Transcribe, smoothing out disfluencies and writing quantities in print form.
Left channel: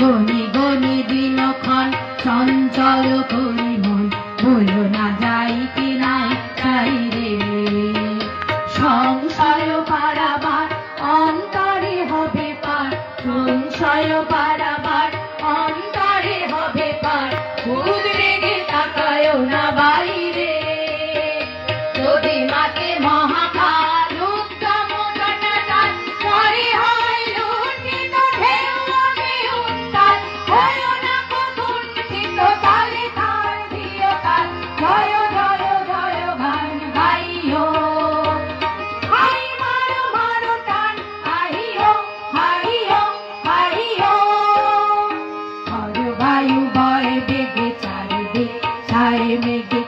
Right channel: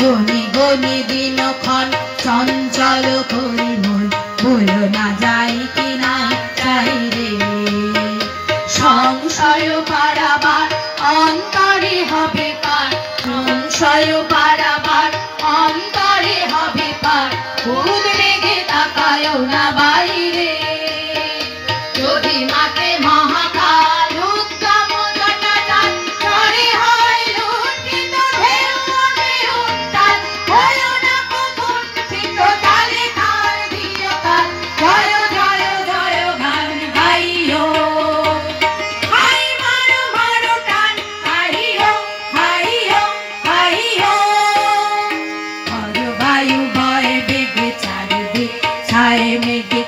গনি গনি দিনক্ষণ চঞ্চল করি মন, বলো না যাই কি না যাই রে। সংশয় পারাবার অন্তরে হবে পার, সংশয় পারাবার অন্তরে হবে পার, উদ্বেগে তাকায়ও না বাইরে। যদি মাকে মহাকাল উদ্যম জটাজট, ঝড়ে হয় লুণ্ঠিত ঢেউ ওঠে উত্তাল, হয়ো না কো কুণ্ঠিত তালে তাল দিও তাল, জয় জয় জয় গান গাইও। হাই মারো মারো টান, হাইও হাইও হাইও। হর বায়ু বয় বেগে চারিদিক, ছায় মেঘে